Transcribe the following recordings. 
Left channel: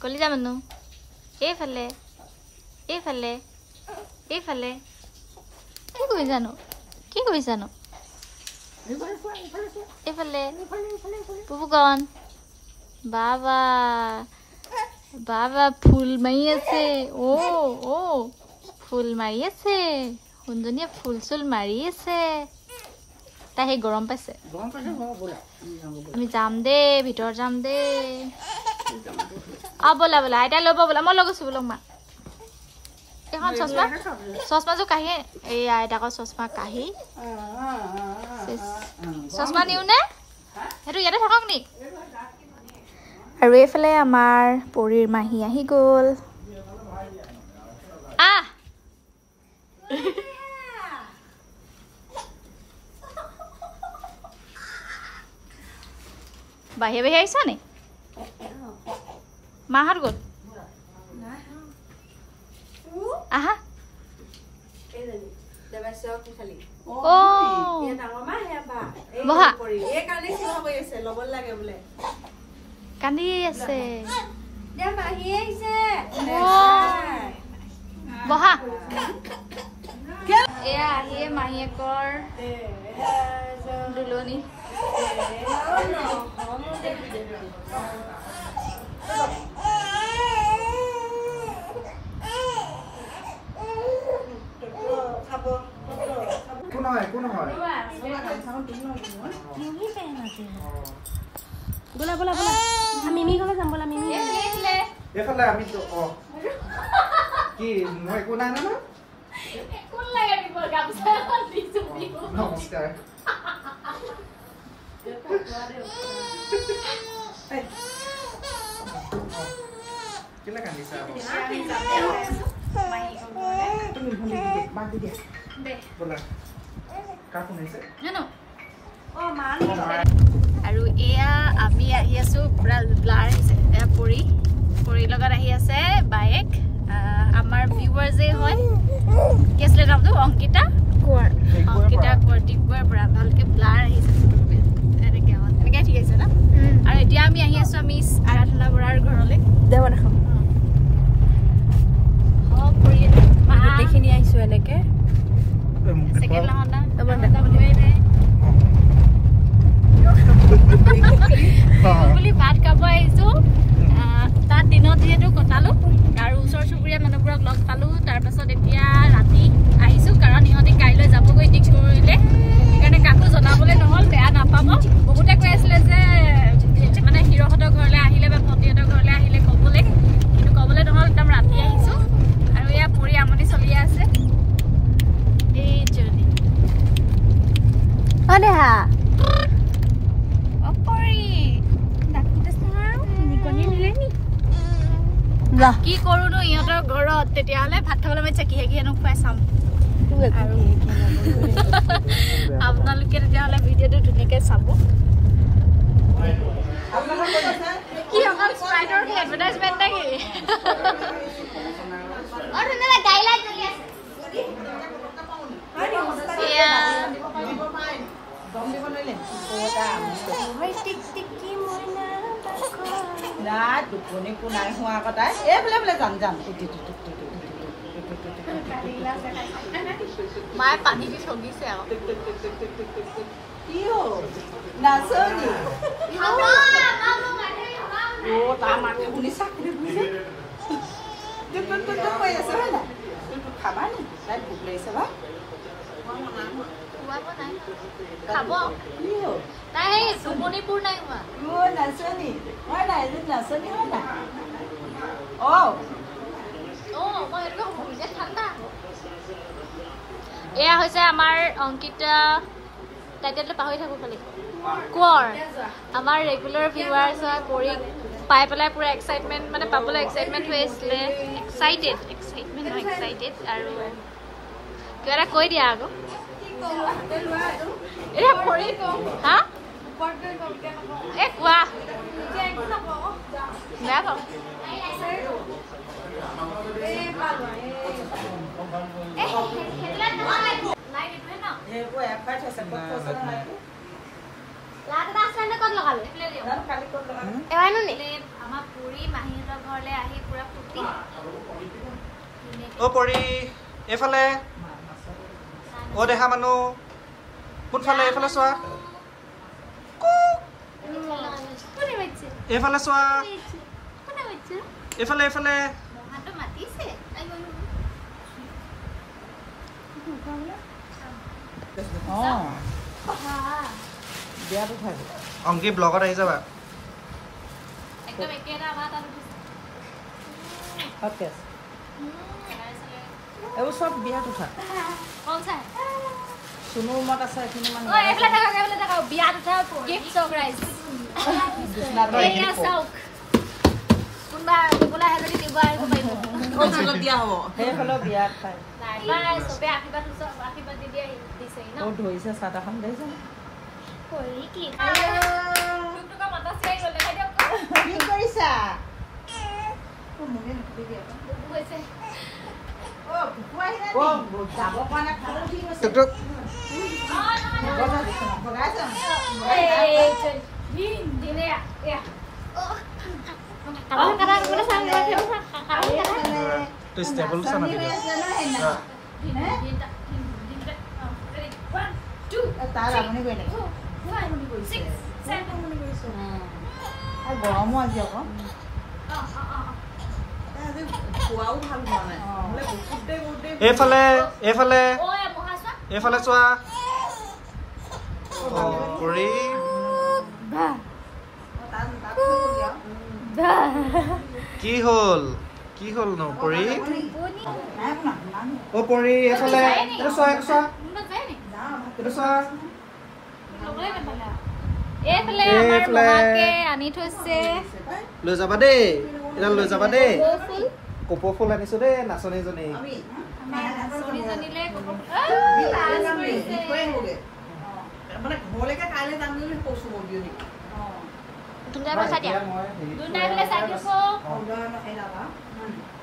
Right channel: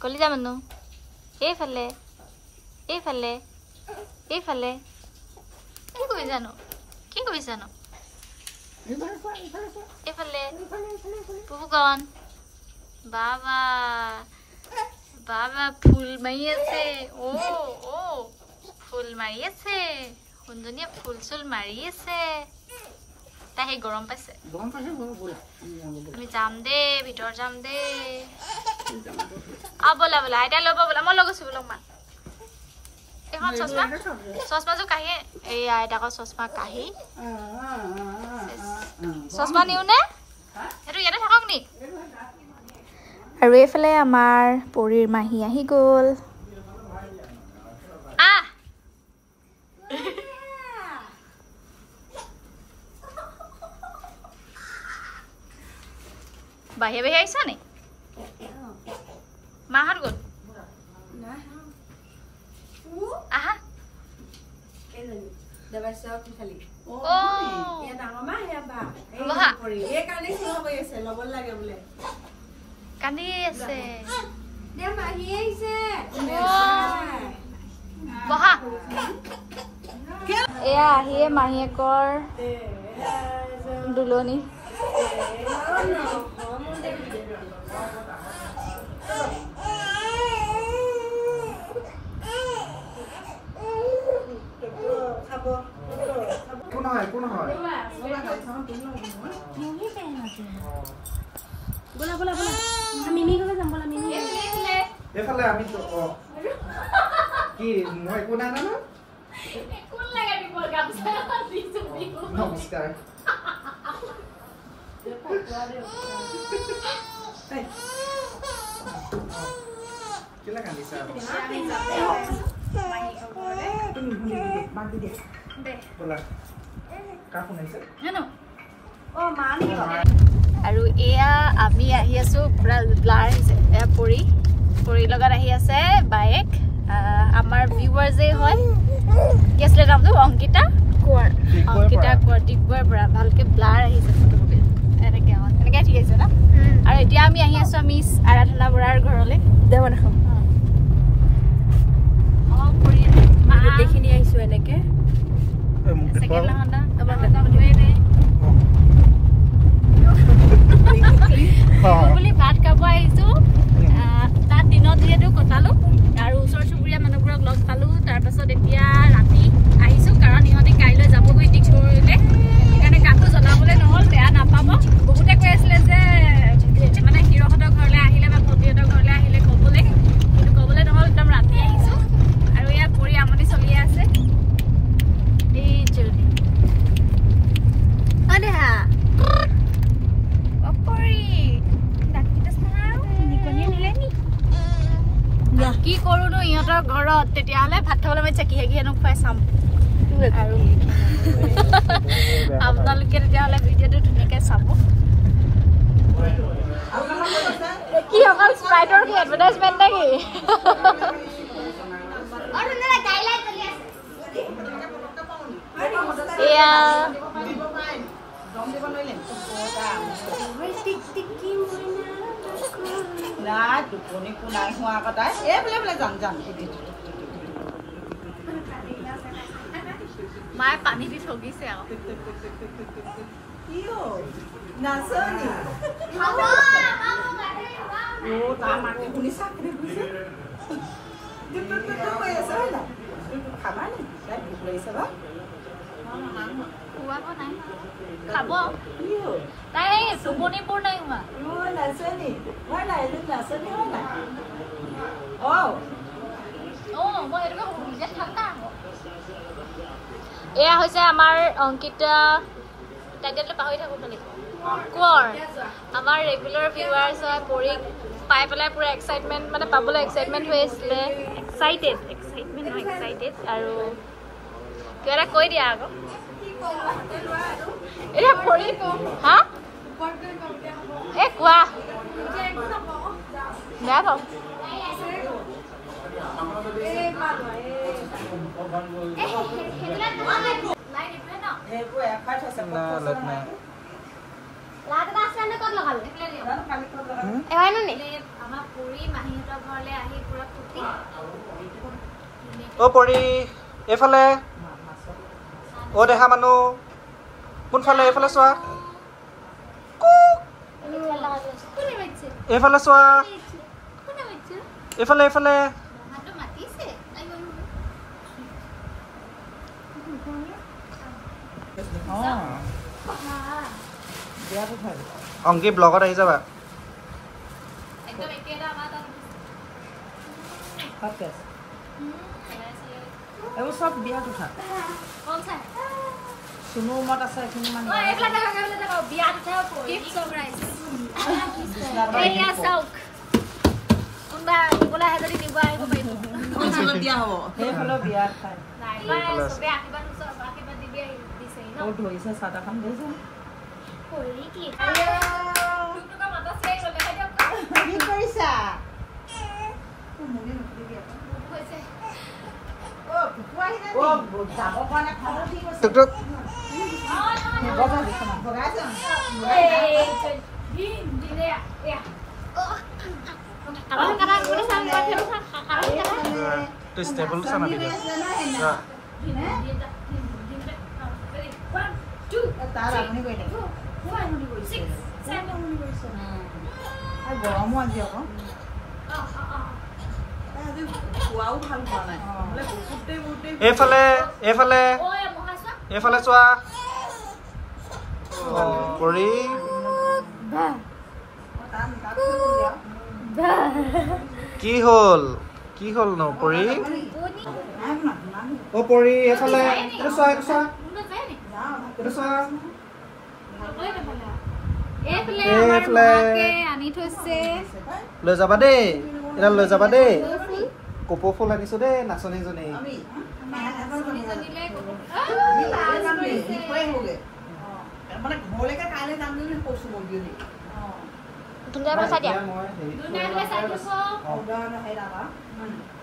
কলিজা মানুহ এইফালে এইফালে এইফালে কি কৰিছানো এইফালে পুপুকণ বাবা বাবা ফুল মাৰি আছে অ ফুল মাৰি আছে সুন্দনীয়ে ফুল চুল মাৰি আছে তাই সেই গৰম পাইছে আমি যাম দে ভিতৰ যাম দে বলা বলা আইতা ল'ব বলা মই লগৈছো বোলো মা এখন চশমা চশমাযোৰ কাঢ়ি এই আইতাকৰ চশমা কাঢ়ি চশমা নিও নে সেইটো ইয়াতে থাকক নি আৰু এইফালে আমাৰ পৰীৰ মাহী আহি গ'ল বাহিৰে বাহিৰে আহিছা নি মাহঁত গ'ল আহা কান্দি আছে বহা এয়া আহিয়ে মাহীয়েকৰ দুলনি बोला बोला बोला मिमी घरे যাম বলা মিমি এফালে আমি তো কি মই কোনা না না কোন লাগা দিব গামছা দিছো নমস্কার কেলা কান্দিছা তুমি ভুলি দে বাঁধি দে দে বলা কাকু নাইছে জানো ও মানি আৰু এয়া আমি আহি আছো পুৰা ব্লাৰ আহিছে এয়া পৰি লগত আহি আছে বাইক আমাৰ ভিউৱাৰ যে হয় কি আছিলে নামটো অংকিতা কোৱাৰ ডিগবৈৰ পৰা ভালকে ব্লাৰ আহিছে ফটোকপি এনেকে ঠিক আছে না আৰু এতিয়া আমি আহি আছো মিছ আৰাধনা বৰাৰ ঘৰলৈ দেৱ দেখাম পৰি দেখিনি আহিছো এনেকে সেকেন্ড লাহনা তবলে নাই বুলি ভাত খাব আহিছো তাত দিনত যিহেতু কটালো আৰু ওচৰ চুবুৰীয়া মানুহবোৰক লগ পালো তাৰপাছত এতিয়া ৰাতি আহিছো কাৰণ ইহঁতে কাইলৈ যাবগৈ ডিগবৈলৈ সেইকাৰণে কাকো জনাবলৈ নহ'ল বেয়া নাপাব বহুতে কৈ আছিলে যে মানে হিৰহঁতৰ ঘৰলৈ আহিলে বা ভণ্টিহঁতৰ ঘৰলৈ আহিলে ক'বলৈ কিন্তু ক'বলৈ নহ'ল একদম ৰাতি আহিছো আৰু এয়া পৰি আমনি চলি আছে এই জলদি অনেহা কি কৰো নো ইহঁতৰ ঘৰত তেতিয়াহ'লে ভাত খাবলৈ মাতিছে কিহে কিহেনো খুৱাই চাম আৰু আপোনালোকে তেতিয়াহ'লে ভিডিঅ'টো ধুনীয়াকৈ চাব কি অকল স্প্ৰাইটৰ কি এডভাৰটাইজমেণ্ট নেকি এয়া দুপনি কোনাই হোৱা কটাই এইফালে বোলে যাম যাম মায়ে পানী দি চলিছে আকৌ কি নাচনি তাৰ মাকে শুনি চাকৰি বুজিছে কৈ আছে হয় না খাবা নি তাই ভোক লাগিছে বা খাব তাই টোপনিবোৰ নাই হোৱা নাচনি হয় নাই এজন নাচনি হয় না এয়া হৈছে আমাৰ অংকিতা টাইটেলটো পাহৰি থাকো খালি কোঁৱৰ আমাৰ ৰেগুলাৰ ভিউৱাৰ্ছ হয় পৰি পাই পেলাই পুৰা এক্সাইটমেণ্ট মানে পাবলৈ এক্সাইটমেণ্ট হৈ আছিলে এক্সাইটেড আৰু কিবা এটা কৈ দিয়া আকৌ এয়া পৰি হা এ কোৱা বেয়া পাওঁ লাটা আসলে কত লাগালে কালি ক'ত লগালে? এবাইনো নি আমাৰ পুৰি মাহীহঁতৰ ঘৰলৈ আহি পুৰা ফুটি অ পৰি এইফালে অ দেখা মানুহ কোনফালে এইফালে চোৱা কোনে বাচ্চা এইফালে চোৱা কোনে বাচ্চা এইফালে এইফালে মহাটো মাতিছে বিয়াটো খাই অংকি ব্লগত আহি যাবা একদম একেটা আমাৰ তাত তাতে আছে এইবোৰ চব বিয়াটো খাই কল চাই কোনো ৰুমত আছে এইখিনি মানুহ এইফালে থাকক বিয়াত উঠা গিফ্ট সাৰপ্ৰাইজ এইয়া চাওক কোনবা নিবলৈ আহে যদি নিব আহিব পাৰিব অঞ্চলত দিয়া হ'ব সেইফালেও বিয়াত খাই চবে আশীৰ্বাদ দি দিয়ে দিছে ন ক'ত ধৰিছে চাহ-তাহখন দেখিছে কৰি কি টুকটুকা মাতা চাই গ'ল দেখা দিয়ক কি কৰিছা মোকে নকৰিবি আকৌ হৈছে কুকুৰ আহিলে যাব পৰা নাই খাব কি কৈছে টুক টুক ভগাইছে দিনে তো ষ্টেবল চানা দিবা তাৰ আমনি কৰি নেকি গৰমো আজি আকৌ খোৱাও ভাল হোৱা নাই এইফালে এইফালে এইফালে চোৱা পৰি কি হ'ল ন পৰি অ পৰি এইফালে এইটো চোৱা এইটো চোৱা এইফালে আমাৰ মহাকে আনি থৈছে লৈ যাবা দেই এটা লৈ যাবা দেই কপৌ ফুল আনিছো দেই নাচনীজনী মানে ঘৰলৈকে কাইলৈ যাম বুলি কৈছো মন্দিৰ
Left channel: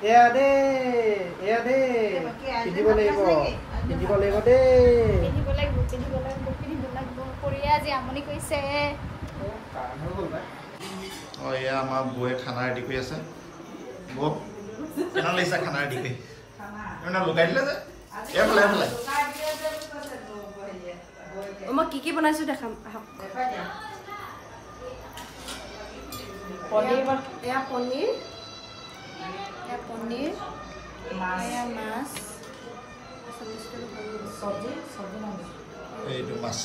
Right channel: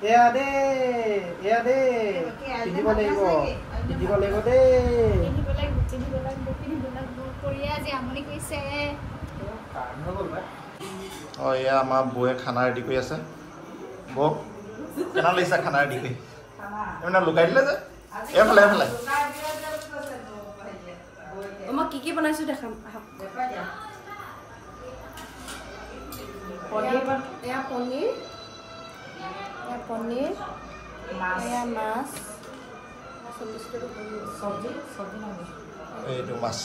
এয়া দেই পিন্ধিব লাগিব দেই অ এয়া আমাৰ বৌয়ে খানা ৰেডি কৰি আছে বৌ কেনে লাগিছে খানা ৰেডি কৰি মানে লুকাই দিলে যে এইফালে মই কি বনাইছো দেখাম এয়া পনীৰ এয়া মাছ এইটো মাছ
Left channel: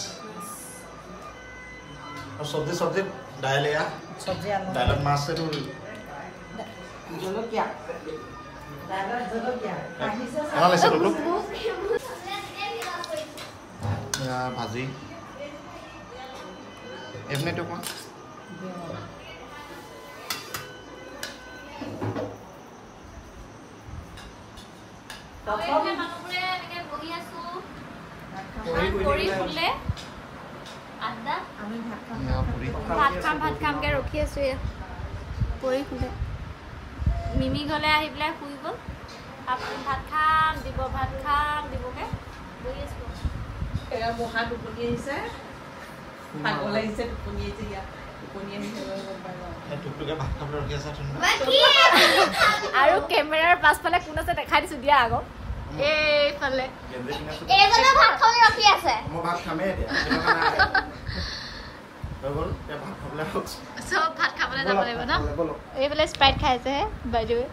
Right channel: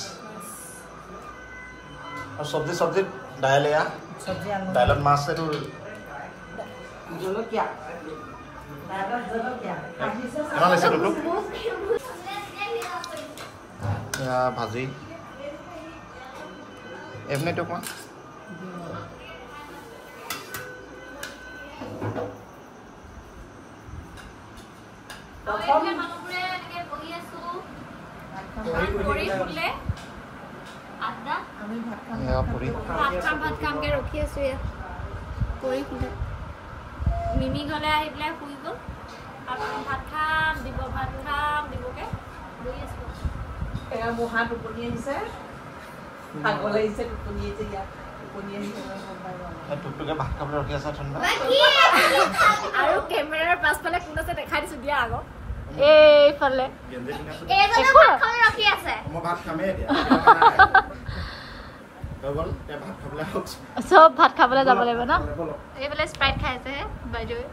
আৰু চব্জি দাইল এয়া দাইলত মাছ এইটো জলকীয়া কেনে লাগিছে তোলো এয়া ভাজি এমনিটো কোৱা ভাত খামকে ৰখি আছো পৰি ফুলে মিমি গলে আহি পেলাই শুই গ'ল ভাত খাম দিবগে বহি আছো মহা টোপনি আহিছে পাগল আহিছে টোপনি আহিছে ইয়াত টোপনি আহিছে টুকটুকে ভাত খাবলৈ ৰখি আছে আৰু কেমেৰাৰ পাছফালে কোন আছে দেখাই দিছো দিয়া আকৌ এইফালে মই ভাত খামেই এতিয়া চব ভাত খাবলৈ যাব লাগিব ন এইফালে স্প্ৰাইট খাইছেহে বাইদেৱে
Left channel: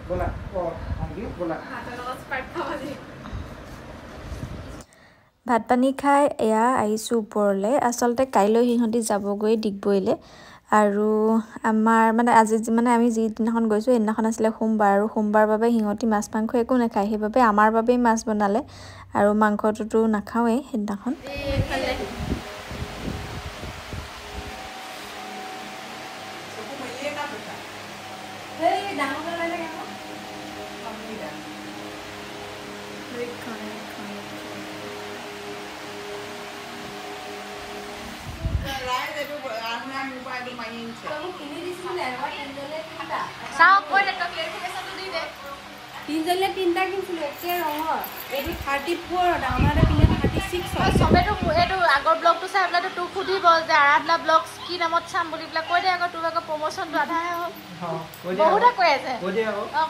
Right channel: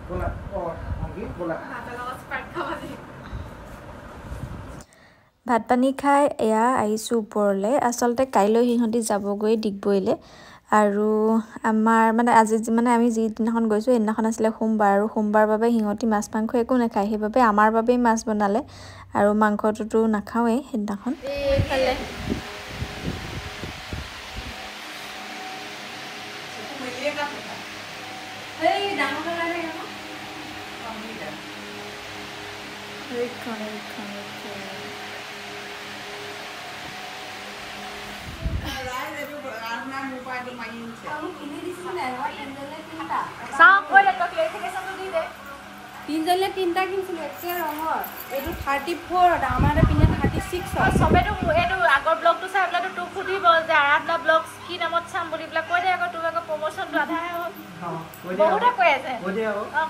ভাত পানী খাই এয়া আহিছোঁ ওপৰলৈ আচলতে কাইলৈ সিহঁতি যাবগৈ ডিগবৈলৈ আৰু আমাৰ মানে আজি মানে আমি যিদিনাখন গৈছোঁ সেইদিনাখন আছিলে সোমবাৰ আৰু সোমবাৰ বাবে সিহঁতি মাছ মাংস একো নাখায় সেইবাবে আমাৰ বাবেই মাছ বনালে আৰু মাংসটোতো নাখাওঁৱেই সেইদিনাখন এইফালে চাওক কৈ দে তই ক্লেৰিফিকেশ্যনটো দি দে তিনজনীলে তিনটা কিনিছিলো একে ৰঙৰ এইটো 34 আমাৰ এটা পিনে 36 হয় সবেতো এইটো আগৰ ব্লগটো চাই পেলাই তোক সুধিব যে আৰাধনা ব্লগছ কি নামত চাম বুলি পেলাই কৈ দে আকৌ তোক আকৌ প্ৰমোচনটো আধাহে হ'ল বহুতে কৈ আছে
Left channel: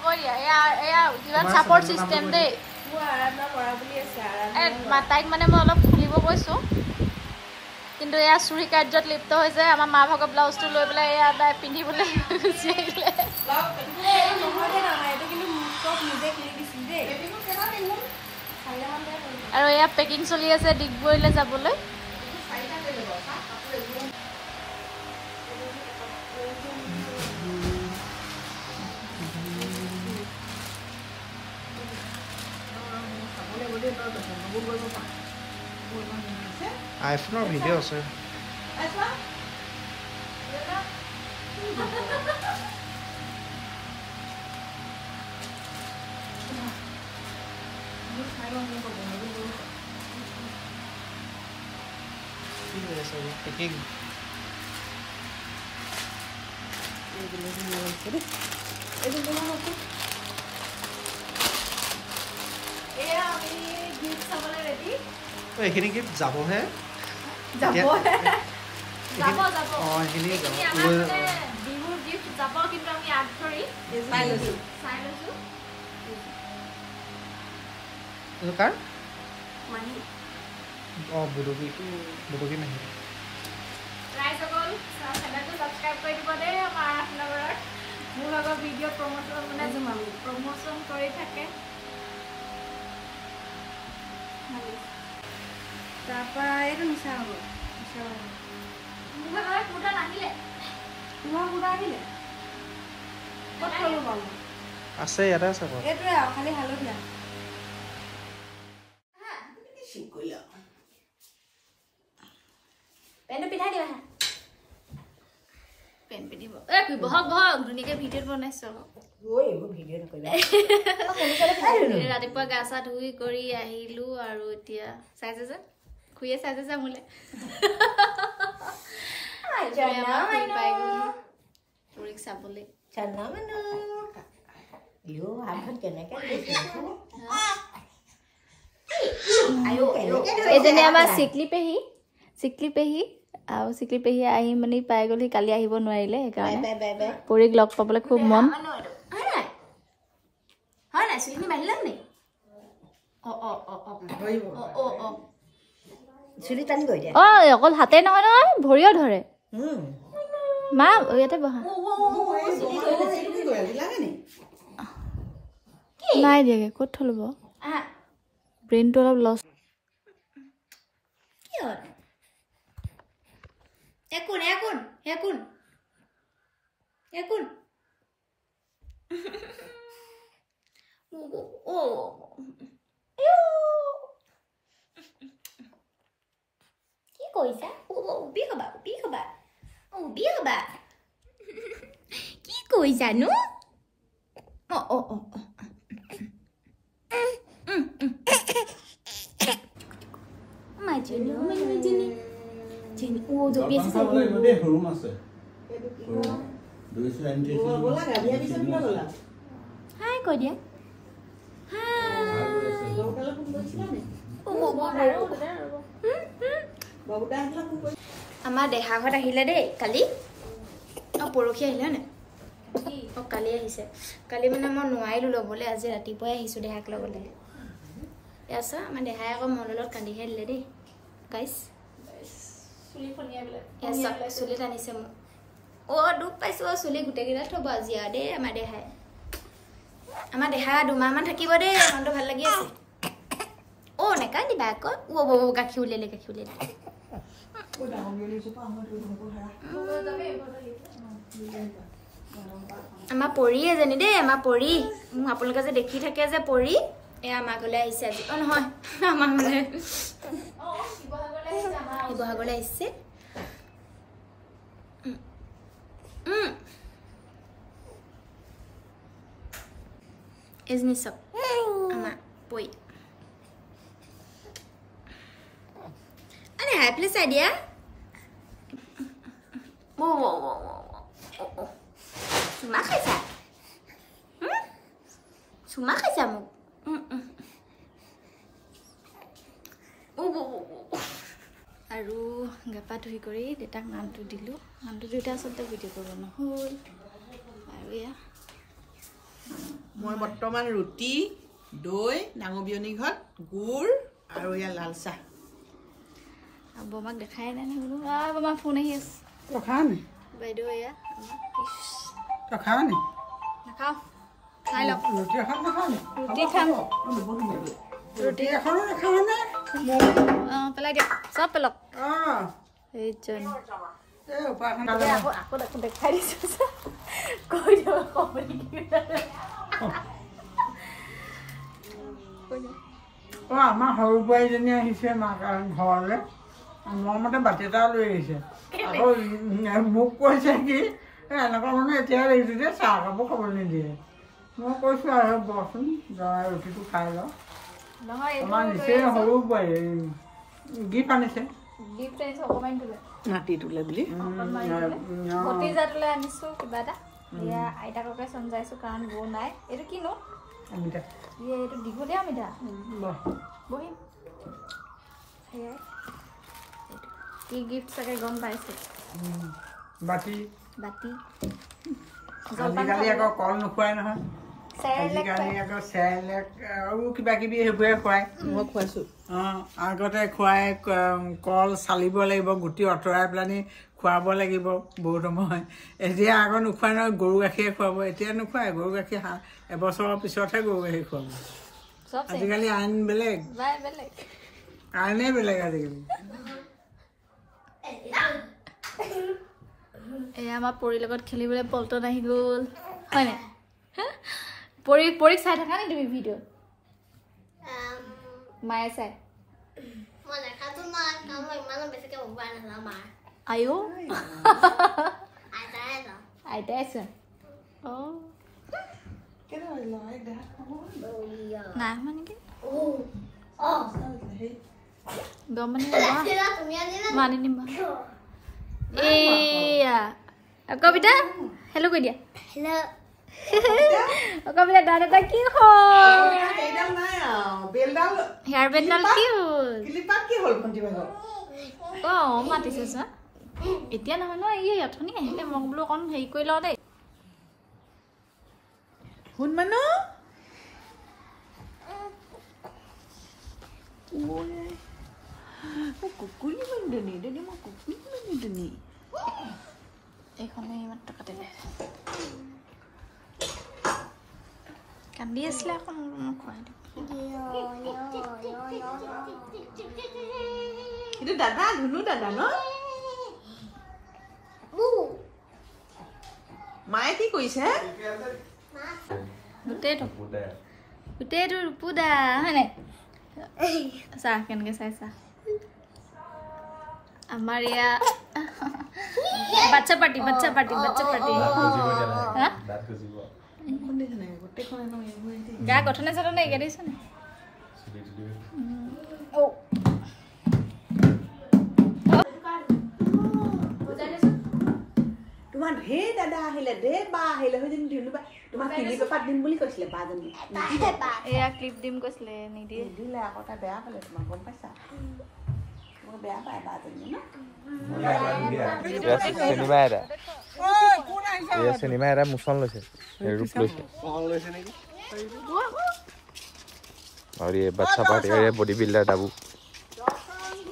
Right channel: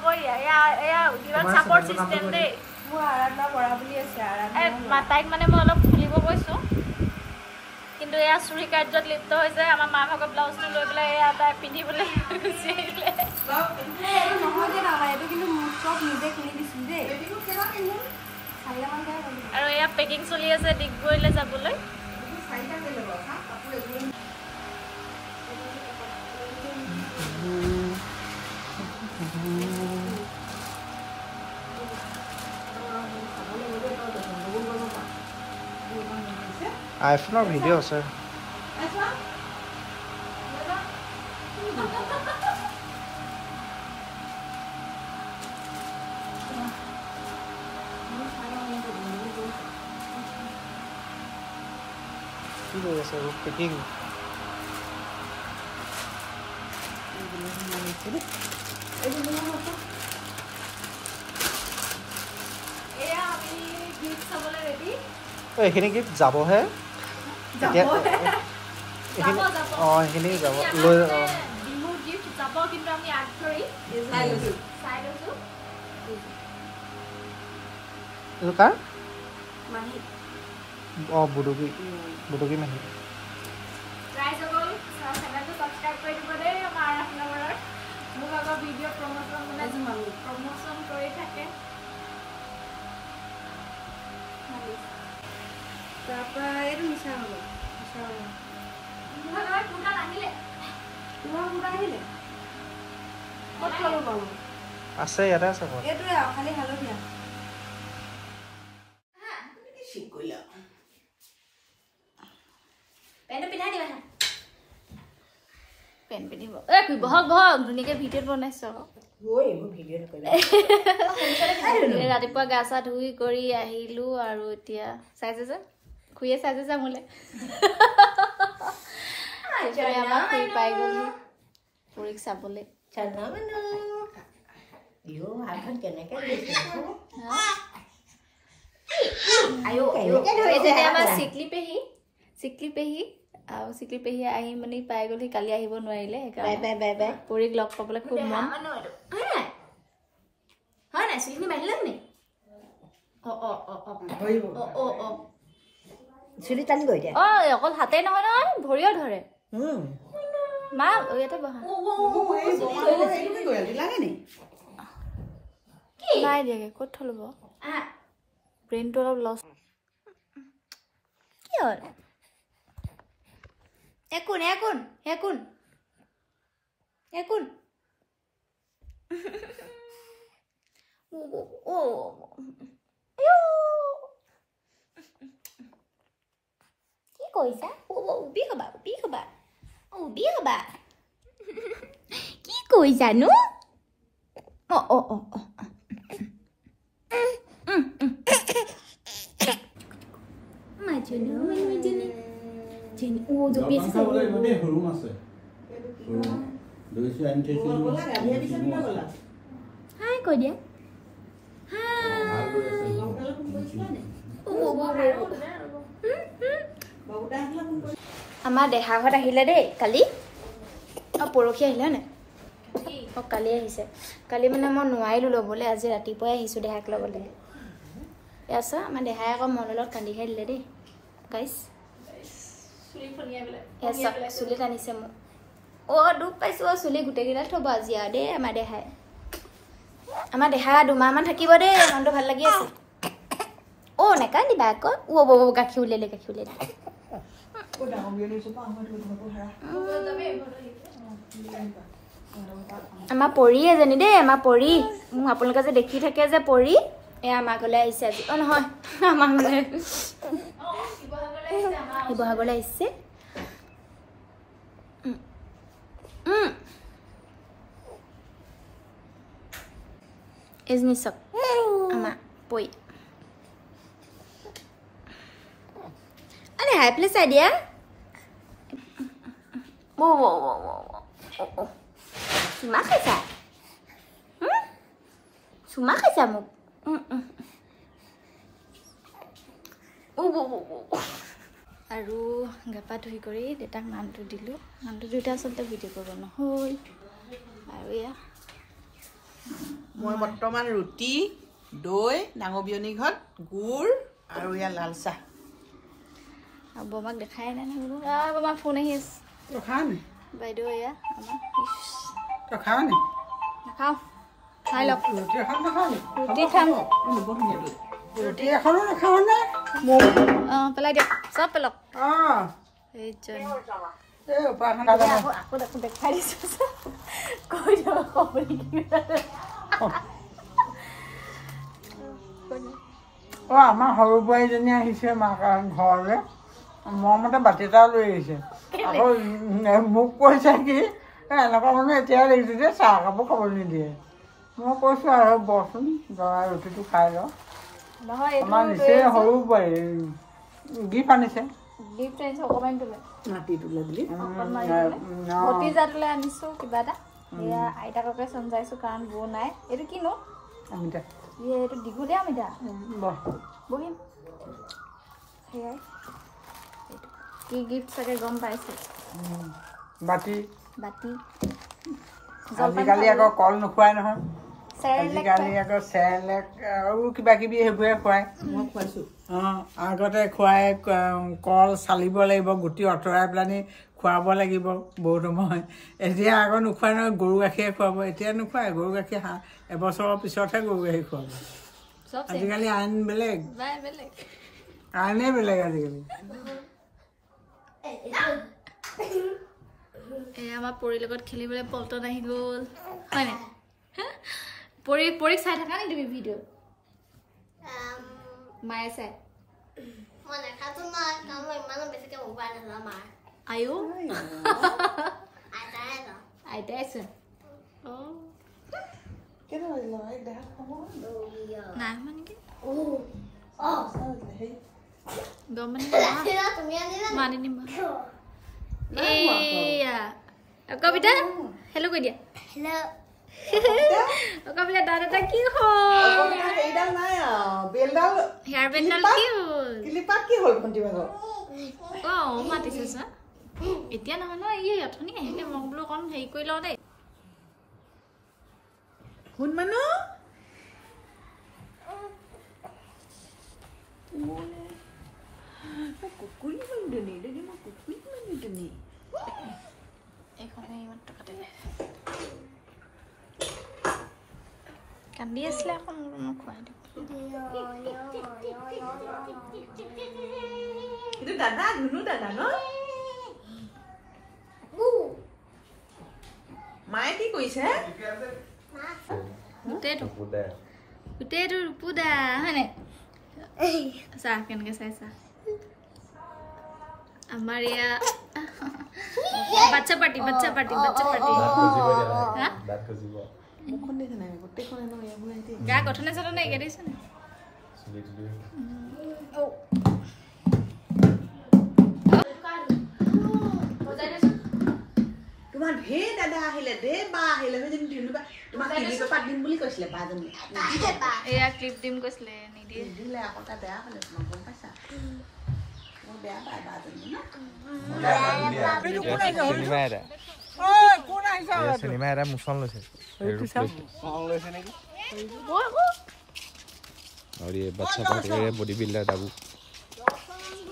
কৈ দিয়া এয়া কিবা ছাপৰ্ট চিষ্টেম দেই মোৰ আৰাধনা কৰা বুলি আছে আৰাধনা তাইক মানে মই অলপ খুলিব কৈছো কিন্তু এয়া চুৰি কাৰ্যত লিপ্ত হৈছে আমাৰ মা ভাগৰ ব্লাউজটো লৈ পেলাই এয়া তাই পিন্ধিবলৈ গুচি আহিলে নহয় দে আমাৰ এইটো কিন্তু চব নিজে কিনি দিছিল দেই আৰু এয়া পেকিং চলি আছে ডিগবৈলৈ যাবলৈ আইফোনৰ ভিডিঅ' আছে কি হৈ আছে পেকিং এইখিনি গিফ্ট যাবহে এইখিনি যাব লৈ বিহুৰ গিফ্ট যাব কিন্তু আমি আগ ধৰি চাই লৈছো কাৰ মাহি বুটুকি মাহি ৰাইজসকল চেনেলটো ছাবস্ক্ৰাইব কৰি দিব দেই আমাৰ আৰাধনাগৰৰ মোৰ আগৰ ভিডিঅ' প্ৰমোচন মানে প্ৰমোচন কৰি থাকে তাৰপৰা এইটো মিছা হ'ব তোমাৰ কুৰ্তা নাহিলে তোমাৰ কুৰ্তা আহিলে ক'ত থলো বাৰু আছে ইয়াতে আছে এইটোৱে খালি হালধীয়া পেণ্টটো পিন্ধাই দিবা পেণ্ট পিন্ধিব বহক বহক ধুনীয়াকৈ ভিডিঅ'ত বনাইছো ৰাতিপুৱা গা চা ধুই কৰি আহিলো আৰু এতিয়া চাইছে যে খুৰীয়ে চাইছে যে মোলে পাই গ'ল খুৰীক চাবলৈ এজনী আমাৰ চিকলি পেহী আৰু চিকলি পেহী আহি মানে পাই গ'ল কালি আহিব নোৱাৰিলে সেইকাৰণে পৰীক লগ পাবলৈ খুব মন হয় নাই চিকলি বাঢ়িলে নি অকল হাতে নহয় নহয় ভৰিও ধৰে মা ইয়াতে বহা নাই দিয়াগে ক'ত থলো ব্ৰেইনটো অলপ লছ কি হ'ল একোন একোন একোন একোন কি কৈছা উবি হবা কি কৈছানো Hai কৈ দিয়া আমাৰ দেহা ঘৰত আহিলে দেই কালি পৰহি আহিলে নে কালি আহিছে কালি মানে মই নোৱাৰিলো ল'বলৈ আজি ৰাতিপুৱাই আহিছো দেহাক ল'বলৈ ইয়াছা আমাৰ দেহাই আকৌ মনৰ লগত কান্দি খাই দিলে দেই গাইছ চুলি টানিছে মোক দুখ পাইছো চুলি গোটেইকেইটা থব আজি আৰু দেই আমাৰ দেহা 2 মাহমান থাকিব দেই মনটো ভাল লাগি আছে নাকান্দিবা আকৌ গাখীৰ উলিয়ালে আমাৰ পৰি এজনী দেই আমাৰ পৰি মোক আপোনালোকে যে দেখি থাকে যে পৰি এয়া আমাৰ ঘৰলৈ আহিছে আজি নহয় আমাৰ মানে শিৱসাগৰলৈ আহিছে এজনী চক আমাৰ পৰি আৰে হাই প্লেস আইডিয়া চুমা খাইছা চুমা খাইছা মোক আৰু গাপা ধুই কৰি দেউতাক নামটো দিলোঁ নামটো দিওঁতে আচলতে ভিডিঅ' কৰিব নহ'ল আৰু এয়া মই বৰ্তমান ৰুটি দৈ ডাঙৰ বিয়নী ঘৰত গুড় আৰু ইয়াৰ লাল চাহ আৰু বমাক দেখাই নাই বোলো বমা ফোন আহি আছে বাইদেউ এয়া আমাৰ খাওঁ নি নাখাওঁ খাই লওক ৰুটি এখন নাখাওঁ নি ৰুটি খাম ৰুটি এখনো নাখাওঁ নে পেলাই দিয়ক চব পেলক অঁ এইজন এই উপাসনা আকৌ দেখাই দিছোঁ কৈ দিয়ক অঁ আমাৰ সৰু বোৱাৰীজনী আহিছে মাক ঘৰলৈ মৰমতে বাতি এটাও লৈ আহিছে আকৌ মোক কৈছে কি এনেকুৱা মানুহ এতিয়াহে দেখিছোঁ যে চাহ কাপোৰ খাব নিদিয়ে মই কৈছোঁ আৰু বচোন জনাই ৰুটিটো খাই লওঁ নহয় আমাৰ নিচেই সৰু বোৱাৰী গিফ্ট আনিছে গিফ্ট আনিছোঁ অকণমান তোলে মাটি তোলে বুলি ভতিজাটোলৈ আনিছোঁ কিবা এটা এয়া আইতাককে চমজাইছোঁ কাৰণ বৌ নাই এইটো কিনো অমিতা এইটো দীঘলীয়া অমিতা বহ বহিম সেয়াই এইটো কি গিফ্ট চাগে গম পাইছে বাতি বাতি আজিকালি আকৌ কল নোখোৱাই নহয় চেৰেলেক আজিকালি আকৌ চেৰেলেক আৰু কিবা কিবি সেইবোৰে খুৱায় মই খুৱাইছোঁ অঁ আগতে খুৱাই কল চালিব লাগিব গুটি আঁতৰাই পেলানি খুৱাব লাগিব বহুত সময় এতিয়া আকৌ নোখোৱাই নহয় গৰু গাখীৰে খুৱাব এতিয়া নোখোৱাই গৰু গাখীৰ এবছৰৰ পিছতহে গৰু গাখীৰ খুৱাব চব আজিকালি আইন বেলেগ বেলেগ আইনেই বেলেগ আজিকালি এয়া আমাৰ পৰিৰ লগত খেলিবলৈ পল্টন আহি গ'ল হয় নাই পৰিক চাই থাকা নি তুমি ভিডিঅ' মায়ে চাই আয়ো আইতাই চোন নাই মানে গম মানে নিম এয়া কবিতা হেল্ল' কৈ দিয়া কবিতা দাদা এটা কি হ'ল হেয়াৰ বেণ্ডডাল কি হ'ল মাতিছে চোৱা এতিয়া নহয় ন এই অথনি আহিলে মই বোলো অকণ হেৰি কৰি লওঁ দেই শুন মানুহ কুকুলি মানুহ মই কুকুলি মানুহ এইখনে ইমান টকা দিলে কান্দি আছিলে আকৌ মোক খুৱাই দিম এইটো দাদা ধুনু দাদা ন মায়ে কি কৰিছে গোটেইটো ৰূপুদা হয় নাই চাহ কেনেকে চাই চাহ আমাৰ এয়া বাচ্চা পাৰ্টি গা গঠনে চঠনে এগা দিছে নে তোমাৰ ঢেৰ দাদা আহিলে ঢেৰ বা আহিলে তোমাক ক্লিপ এপাত দিম বুলি কৈছিলে বাজনী এয়া ক্লিপ দিম কৈছিলে নিদিয়ে দিলে আকৌ তাই বেয়া হ'লে তোমাক গম পাইছা মই বেয়া পাই বাজনী ন চিনেমা এটা মুচন লৈছে और ये बच्चा पार्टी और ये बॉडी बिल्डर डाबू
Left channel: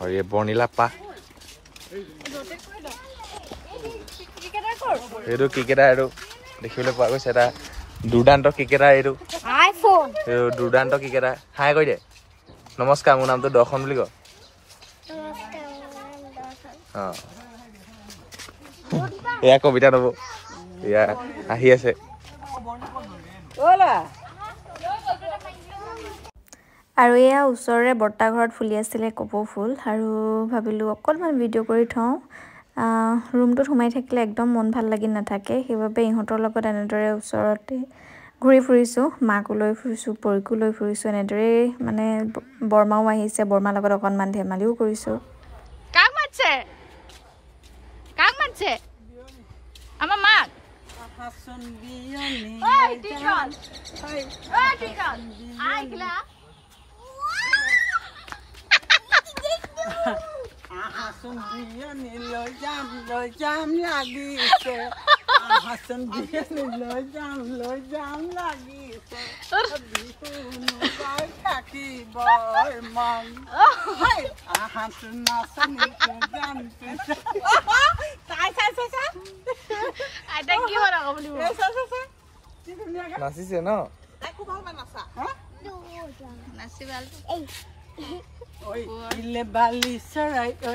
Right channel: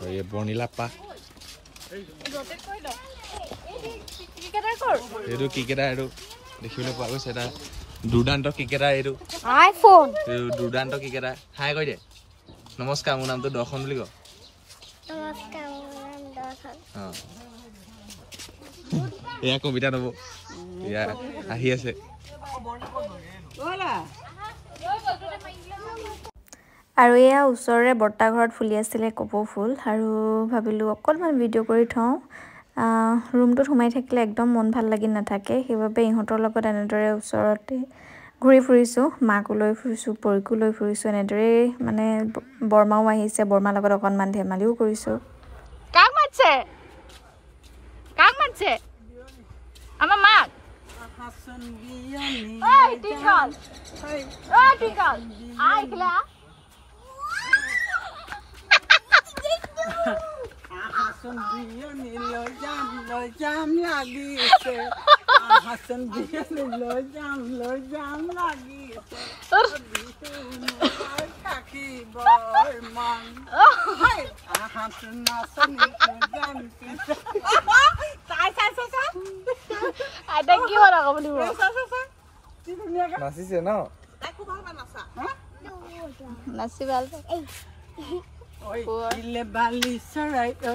और ये बर्निला पा এইটো ক্ৰিকেটাৰ এইটো দেখিবলৈ পোৱা গৈছে এটা দুৰ্দান্ত ক্ৰিকেটাৰ এইটো দুৰ্দান্ত ক্ৰিকেটাৰ হাই কৈ দে নমস্কাৰ মোৰ নামটো দৰ্শন বুলি কয় এয়া কবিতা নব এয়া আহি আছে আৰু এয়া ওচৰৰে বৰ্তা ঘৰত ফুলি আছিলে কপৌ ফুল আৰু ভাবিলোঁ অকণমান ভিডিঅ' কৰি থওঁ ৰুমটোত সোমাই থাকিলে একদম মন ভাল লাগি নাথাকে সেইবাবে ইহঁতৰ লগত এনেদৰে ওচৰতে ঘূৰি ফুৰিছোঁ মাকো লৈ ফুৰিছোঁ পৰিকো লৈ ফুৰিছোঁ এনেদৰে মানে বৰমাও আহিছে বৰমাৰ লগত অকণমান ধেমালিও কৰিছোঁ কাক মাতছে আমাৰ মাক Hason বিয়নি Oi, Tikal! Oi, Tikal! Ai, Kila! Hason বিয়নি লৈ যাম লাগিছে হাসন বিয়নি লৈ যাম লাগিছে থাকিব মন হাসন নাচনি জানতে I think you are a blue. নাচিছে ন Nasival. বালি চৰাই ঐ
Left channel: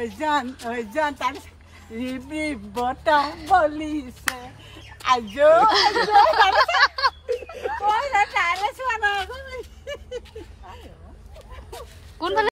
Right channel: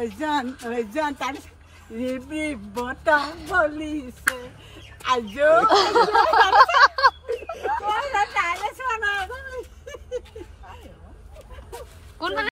জান তাৰ ৰিবি বতাহ বলিছে আজো